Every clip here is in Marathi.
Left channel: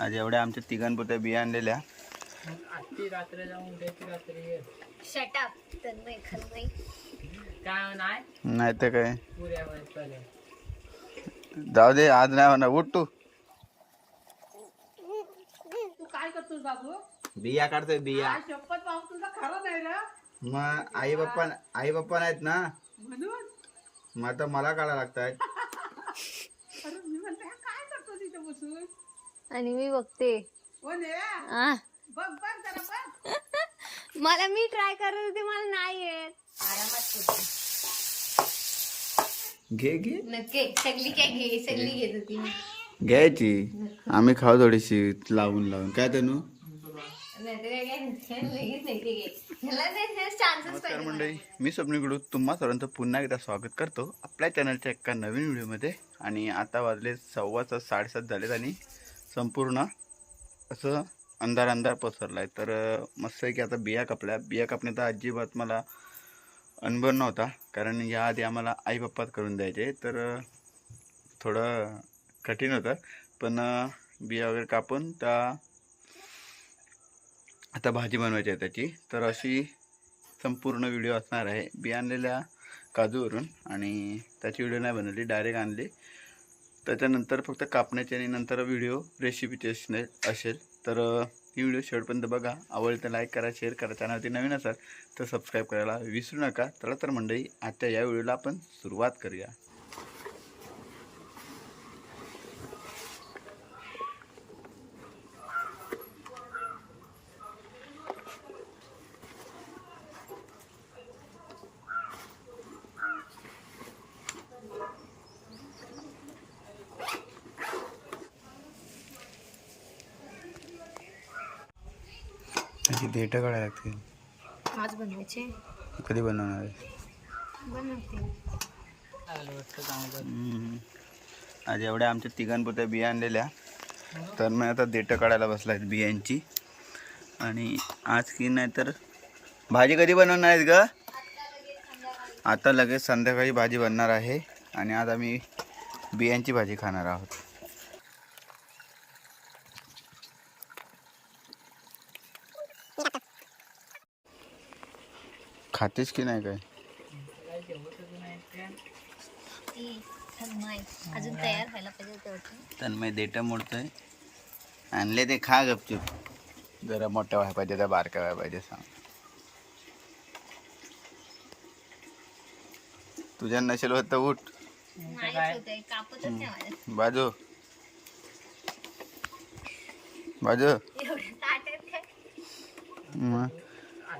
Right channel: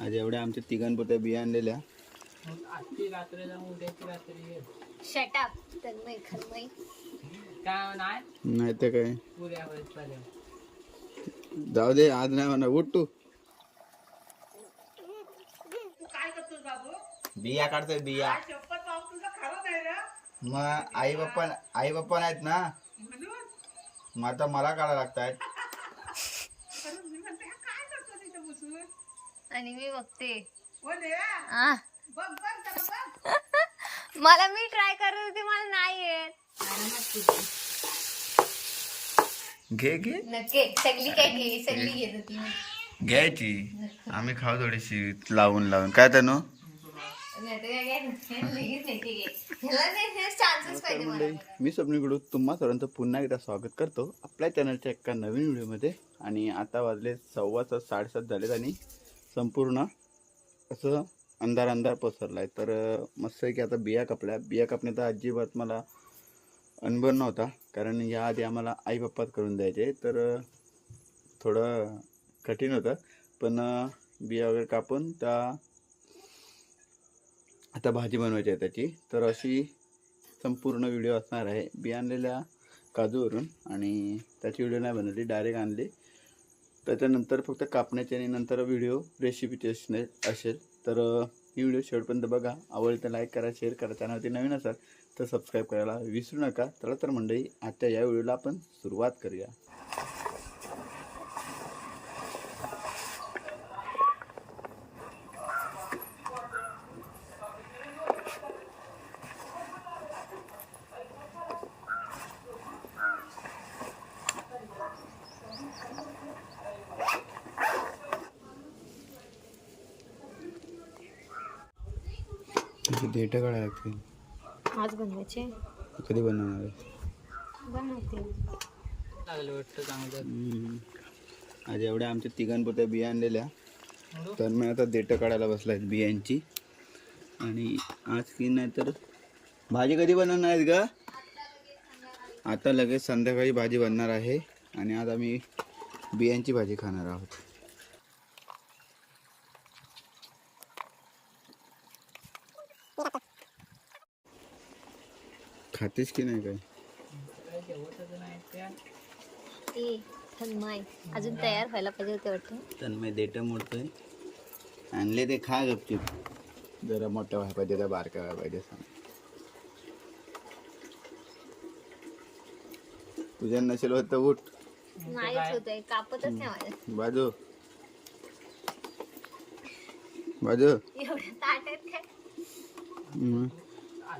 आज एवढ्या आमच्या तिघांपुरत्या बिया आणलेल्या. आजची रात्र जाऊन उद्याची रात्री येत शटाप तन्मय खन्मय. काय नाही? नाही तर काय. पुऱ्या जाऊ दे आज नाही म्हणा उठ तू. काय करतोस बाबू? बिया काढतोय बिया. शपथ बाबू तुझा खरं नाही ना? मग आई बाप्पा आई बाप्पा नाहीत ना? म्हणून? मग आता मला काढा लागतात अरे मी म्हणते हा काय करतो तिथं बसून आणि मी बघते. हो ने आ, बघ बघ जरा बघ. मला मी ट्राय करत होते मला नाही येत घे घे. नक्की. सगळी काय घे सगळी घेत होती मी. घ्यायची. आम्ही खाऊ थोडीशी लावून लावून. काय तनु? नाहीतर काय काय लगेच नाही ते घे. ह्याला ते chances नमस्कार पाहिजे मंडळी. मी स्वप्नीकडू तुम्हा सर्वांचं पुन्हा एकदा स्वागत करतो. आपल्या चॅनलच्या एका नवीन व्हिडिओमध्ये आणि आता वाजले सव्वा सात साडेसात झालेत आणि संपूर्ण असं अंधार अंधार पसरला आहे तर मस्त आहे की आता बिया कापल्या. बिया कापण्याचा अजिबात मला अनुभव नव्हता. कारण याआधी आम्हाला आई बाप्पात करून द्यायचे. तर थोडं कठीण होतं. पण बिया वगैरे कापून त्या आता भाजी बनवायची आहे त्याची. तर अशी संपूर्ण व्हिडिओ असणार आहे. बी आणलेल्या काजूवरून आणि त्याची व्हिडिओ नाही बनवली. डायरेक्ट आणली. त्याच्यानंतर फक्त कापण्याची आणि नंतर व्हिडिओ रेसिपीची असणे असेल. तर ही व्हिडिओ शेवटपर्यंत बघा. आवडते तर लाईक करा शेअर करा. चॅनलवरती नवीन असाल तर सबस्क्राईब करायला विसरू नका. चला तर मंडळी आजच्या या व्हिडिओला आपण सुरुवात करूया. त्याची डेटा काढायला लागतील. आज बनवायचे? कधी बनवणार आहे? बनवते. लागलं वाटतं चांगलं. हम्म. आज एवढ्या आमच्या तिघांपुरत्या बिया आणलेल्या. तर मी आता देठं काढायला बसला आहेत बियांची. आणि आज की नाही तर भाजी कधी बनवणार आहेत ग? आता लगेच संध्याकाळी भाजी बनणार आहे. आणि आज आम्ही बियांची भाजी खाणार आहोत. खातेस की नाही काय? खन्मय अजून तयार व्हायला पाहिजे होते वाटतं. तर मी देठं मोडतोय. आणले ते खा गपचूप. जरा मोठ्या व्हायला पाहिजे त्या बारक्या व्हायला पाहिजे सांग तुझ्या नसेल होत तर उठ. नाही होत आहे कापतच नाही माझ्या. बाजू. बाजू. एवढं काय मग?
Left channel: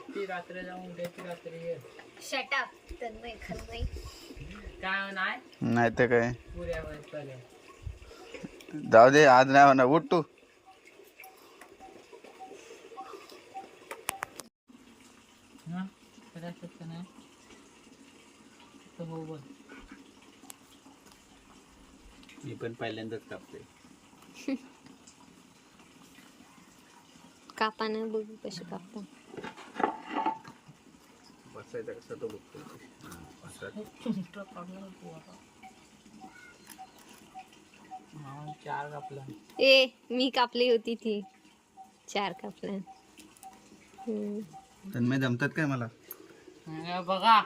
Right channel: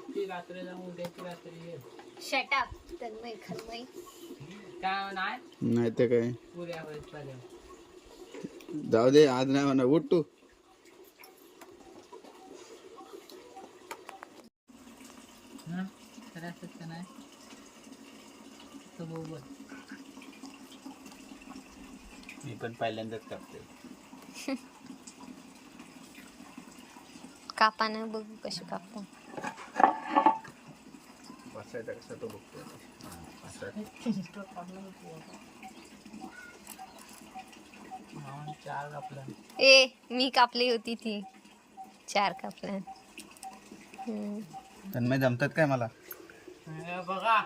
आजची रात्र जाऊन उद्याची रात्री येत शटाप तन्मय खन्मय. काय नाही नाही तर काय? पुऱ्या पर्यंत जाऊ दे आज नाही म्हणा उठ तू. करायचं का नाही? तर बरोबर मी पण पहिल्यांदाच कापते कापानं बघू कशी कापता. बसायचा कसा तो बघतो. चार ए मी कापली होती ती. चार कापल्या. तन्मय जमतात काय मला? बघा.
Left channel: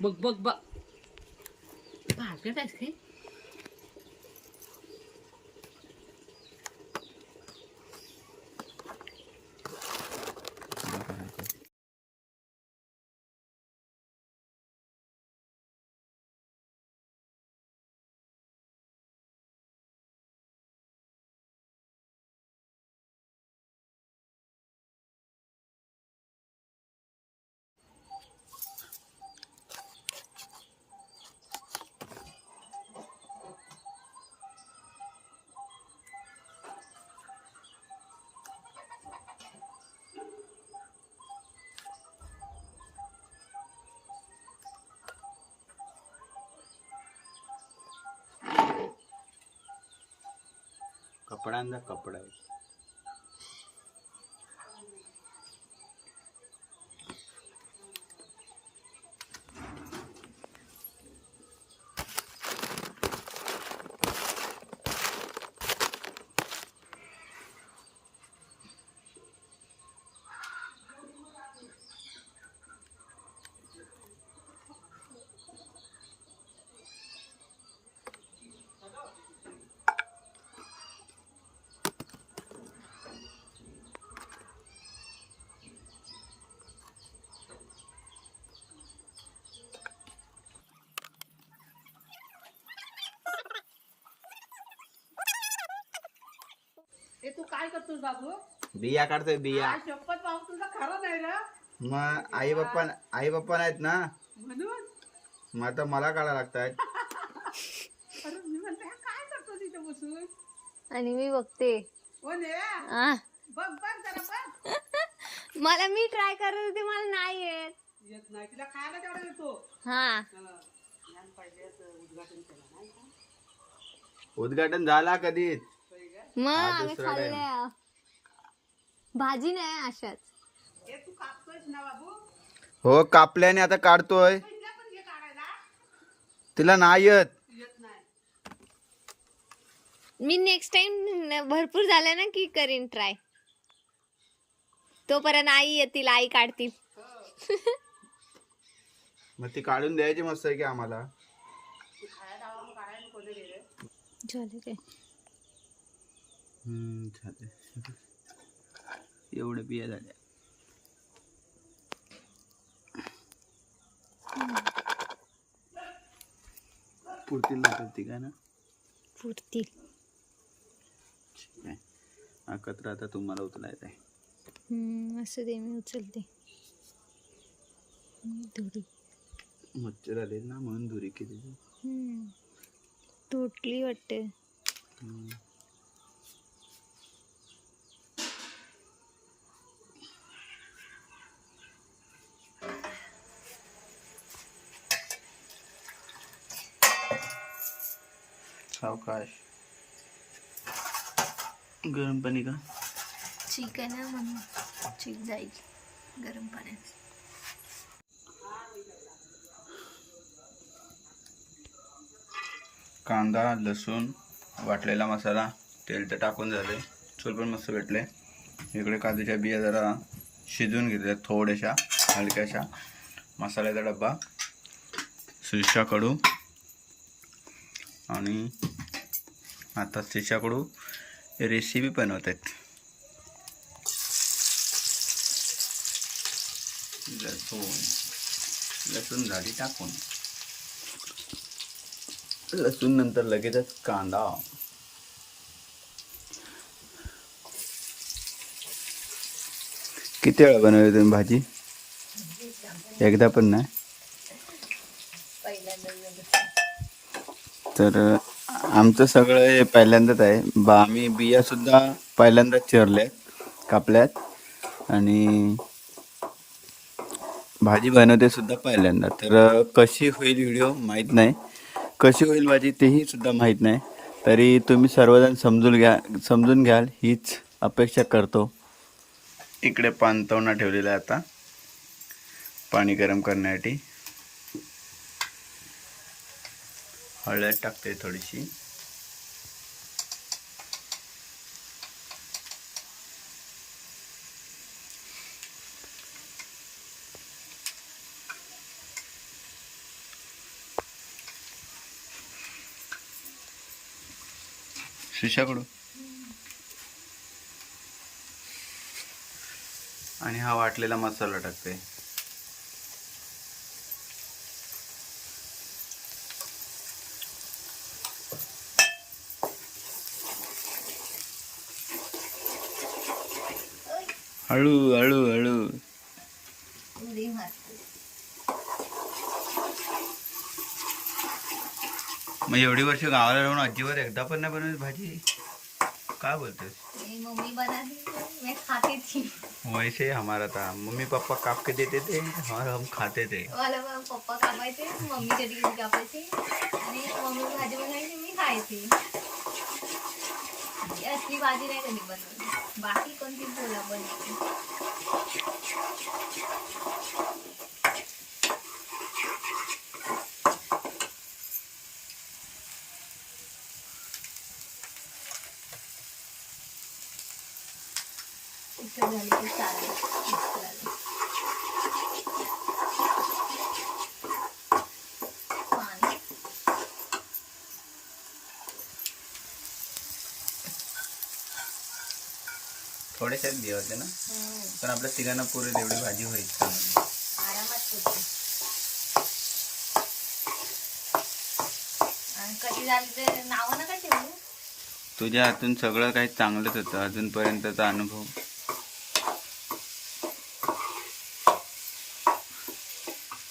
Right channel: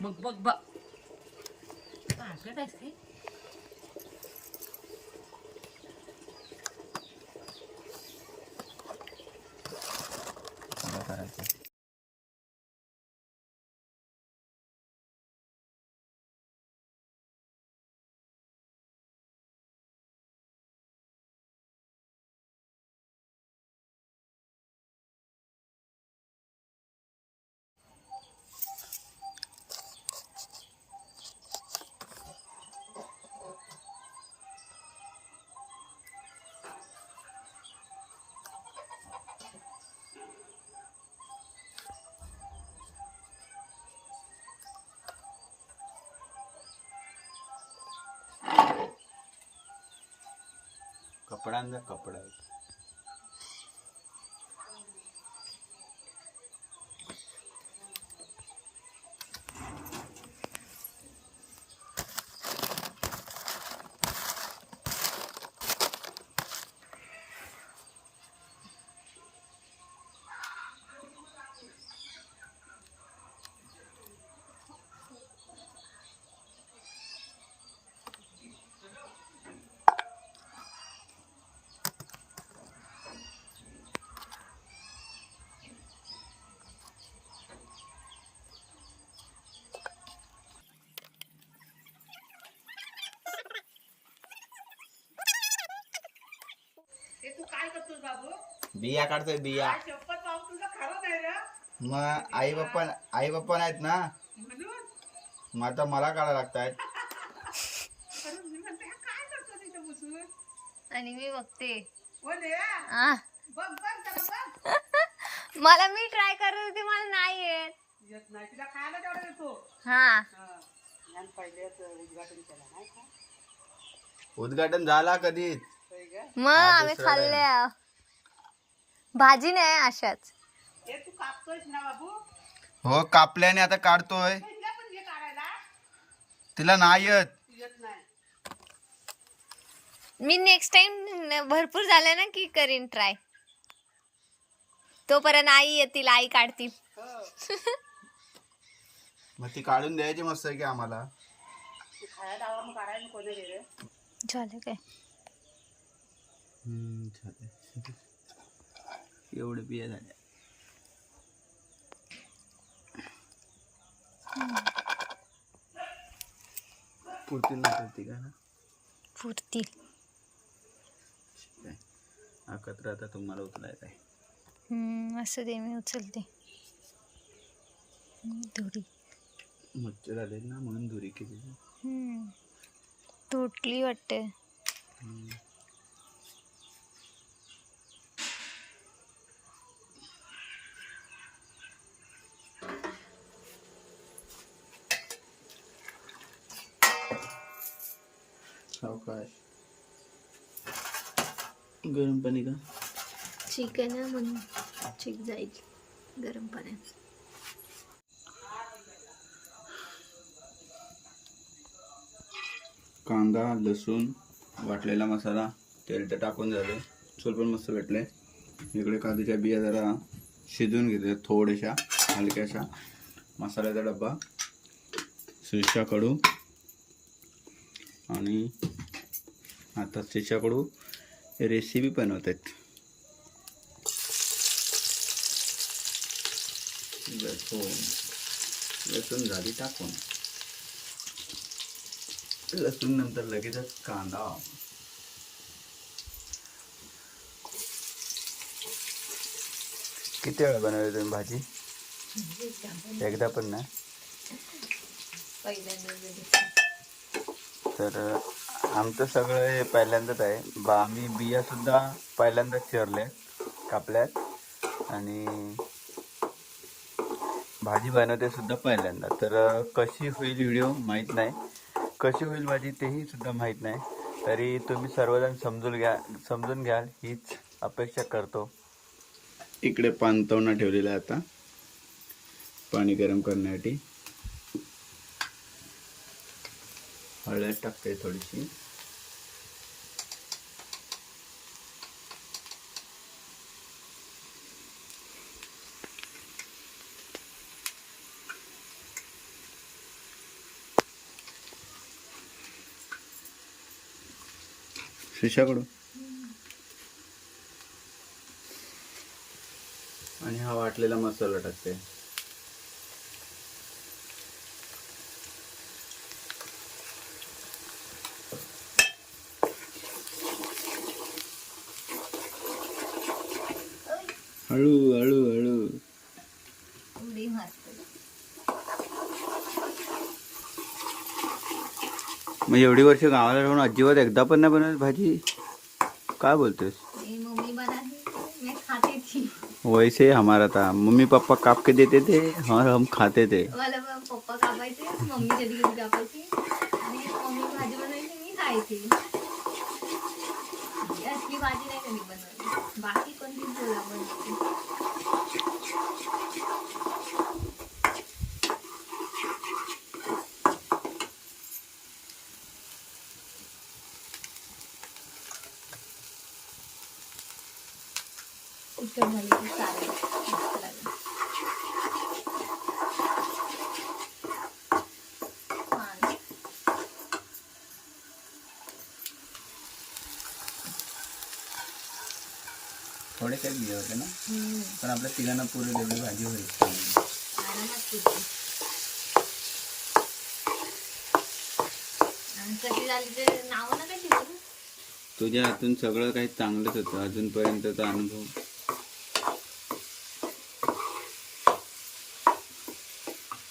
बघ बघ बघ. કપડાના કપડા करतोस बाबू? बिया काढतोय बिया. काय शपथ बाबू तुला खरं नाही रे मग आई बाप्पा आई बाप्पा नाहीत ना? म्हणून? मग आता मला काढा लागतात अरे मी म्हणते हा काय करतो तिथं बसून? आणि मी बघते. हो ने आ, बघ बघ जरा बघ. मला मी ट्राय करत होते मला नाही येत. येत नाही तिला खायला तेवढा देतो हा. हा. आणि पहिलेच उद्घाटन केलं नाही का? उद्घाटन झाला कधीच? मग आम्ही दुसरा खाल्ल्या भाजी नाही अशाच. हे तू कापतोयस ना बाबू? हो कापल्याने आता काढतोय. तिला नाही येत. येत नाही. मी नेक्स्ट टाइम भरपूर झालं ना की करीन ट्राय तोपर्यंत आई येतील आई काढतील. मग ती काढून द्यायची मस्त आहे की आम्हाला. झालं काय? झालं. एवढं बिया झाल्या. पुरतील ना पुरती काय ना? पुरतील. हा कचरा आता तुम्हाला उचलायचा आहे. असं दे मी उचलते. धुरी. मच्छर आले ना म्हणून दुरी केली. तुटली वाटते. सावकाश गरम पाणी का? चिकन आहे म्हणून. चिक जाईल. गरम पाण्यात. कांदा लसूण वाटलेला मसाला तेल तर टाकून झाले चूल पण मस्त भेटले. इकडे काजूच्या बिया जरा शिजवून घेतल्या. थोड्याशा हलक्याशा. मसाल्याचा डब्बा. शिरशाकडू आणि आता शिरशाकडू रेसिपी बनवत आहेत लसूण लसूण झाडी टाकून. लसूण नंतर लगेचच कांदा. किती वेळा बनवली तुम्ही भाजी? एकदा पण नाही? तर आमचं सगळं हे पहिल्यांदाच आहे. बा आम्ही बिया सुद्धा पहिल्यांदाच चिरल्या कापल्यात. आणि भाजी बनवते सुद्धा पहिल्यांदा. तर कशी होईल व्हिडिओ माहीत नाही. कशी होईल भाजी तेही सुद्धा माहीत नाही. तरी तुम्ही सर्वजण समजून घ्या समजून घ्याल हीच अपेक्षा करतो. इकडे पानतवणा ठेवलेला आहे आता. पाणी गरम करण्यासाठी. हळद टाकते थोडीशी. शिशाकडून आणि हा वाटलेला मसाला टाकते हळू हळू हळू. मग एवढी वर्ष गावाला राहून अजिबात एकदा पण नाही बनवत भाजी? काय बोलतोस? मम्मी बनाती मैं खाती थी वैसे हमारा था मम्मी पापा काप के देते थे और हम खाते थे पप्पा कापायचे मम्मी कधी कधी कापायची. आणि मम्मी भाजी बनवायची मी खायची. असली भाजी नाही कधी बाकी कोणती बोला बनते तिखट झाली की सारा मस्त लागेल. पाणी थोड्याशाच बिया होते ना. पण आपल्या तिघांना पुरेल एवढी भाजी होईल चांगली. तुझ्या हातून सगळं काही चांगलंच होतं. अजूनपर्यंतचा अनुभव.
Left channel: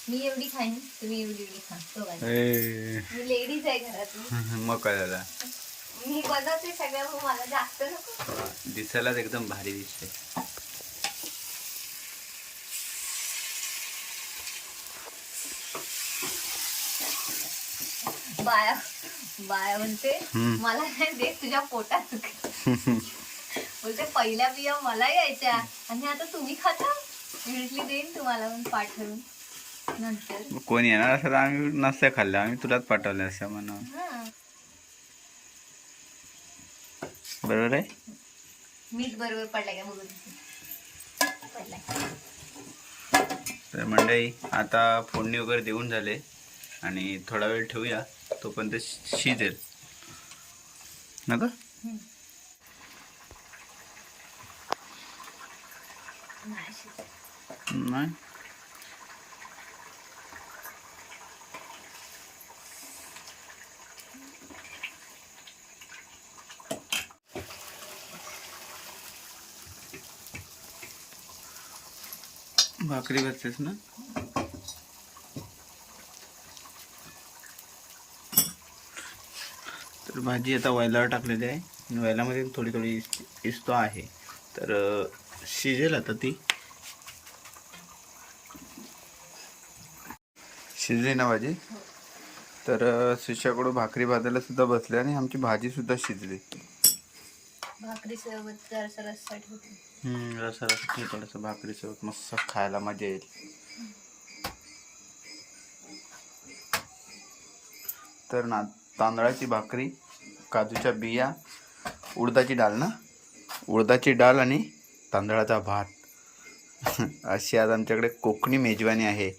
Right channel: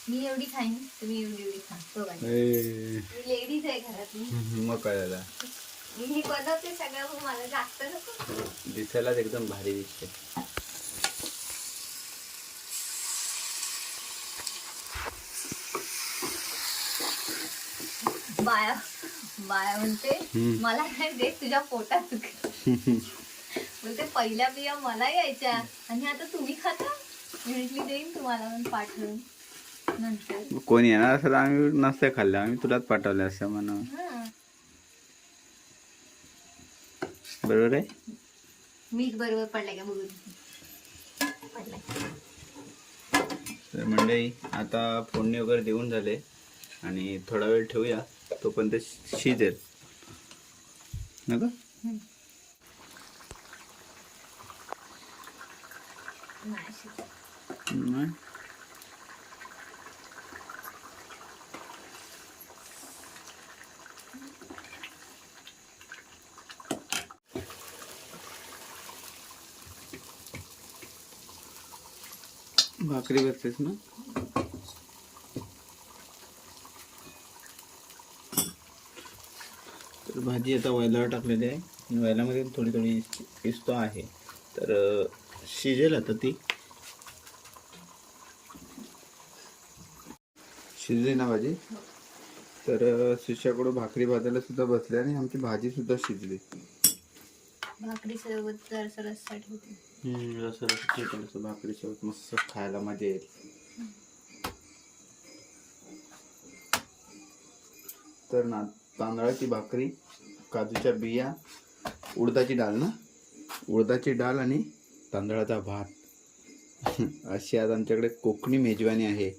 मी एवढी खाईन तुम्ही एवढी एवढी खा. लेडीज आहे घरातली. मग काय झाला मी बनवते सगळं हो, मला जास्त नको. दिसायलाच एकदम भारी दिसते. बाया बाया म्हणते हम्म. मला नाही देत तुझ्या पोटात बोलते पहिल्या बिया मला यायच्या आणि आता तुम्ही खाता. मी म्हटली देईन तुम्हाला पण पाठवून. नंतर कोण येणार असं तर आम्ही नसते खाल्लं आम्ही तुलाच पाठवलं असं म्हणा हा बरोबर आहे? मीच बरोबर पडलाय का बघून पडलाय. तर मंडळी आता फोडणी वगैरे देऊन झाले आणि थोडा वेळ ठेवूया. तोपर्यंत शिजेल. नका हम्म. नाही शिजत. नाही? भाकरी बसतेस ना? तर भाजी आता वायलावर टाकलेली आहे. वायलामध्ये थोडी थोडी इस्तो आहे. तर शिजेल आता ती. शिजली ना भाजी? तर शिष्याकडून भाकरी भाजायला सुद्धा बसली आणि आमची भाजी सुद्धा शिजली. भाकरी सोबत होती. रस रसा भाकरी मस्त खायला मजा येईल. तर ना तांदळाची भाकरी काजूच्या बिया उडदाची डाळ ना? उडदाची डाळ आणि तांदळाचा भात. अशी आज आमच्याकडे कोकणी मेजवानी आहे.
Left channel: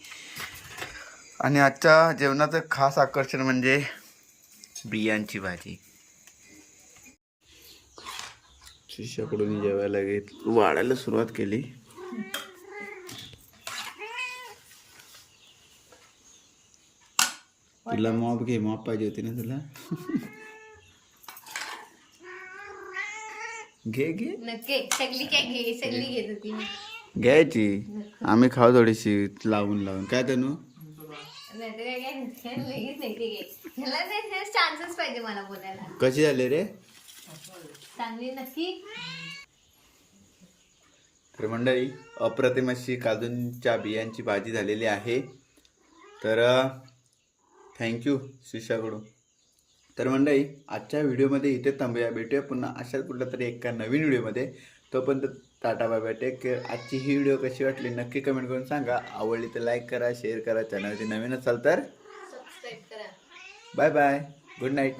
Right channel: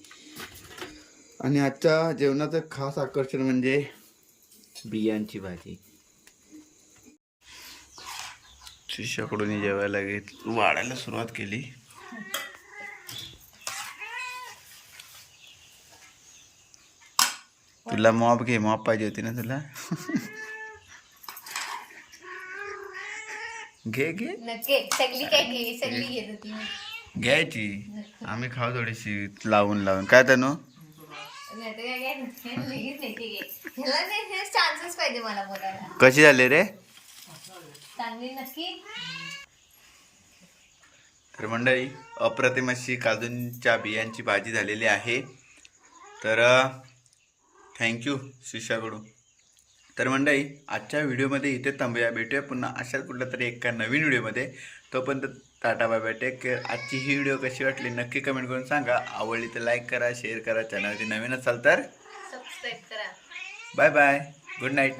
आणि आजच्या जेवणाचं खास आकर्षण म्हणजे बियांची भाजी. शिष्याकडून जेवायला घेत वाढायला सुरुवात केली. तुला मॉप घे मॉप पाहिजे होती ना तुला? घे घे. घ्यायची. आम्ही खाऊ थोडीशी लावून लावून. काय तनु? कशी झाली रे? चांगली नक्की. तर मंडळी अप्रतिम अशी काजूंच्या बियांची भाजी झालेली आहे. तर थँक्यू शिष्याकडून तर मंडळी आजच्या व्हिडिओमध्ये इथे थांबूया. भेटूया पुन्हा अशाच कुठल्या तरी एका नवीन व्हिडिओमध्ये. तोपर्यंत Tata bye bye take care आजची ही व्हिडिओ कशी वाटली नक्की कमेंट करून सांगा. आवडली तर लाईक करा शेअर करा. चॅनलवरती नवीन असाल तर सबस्क्राईब करा. Bye bye good night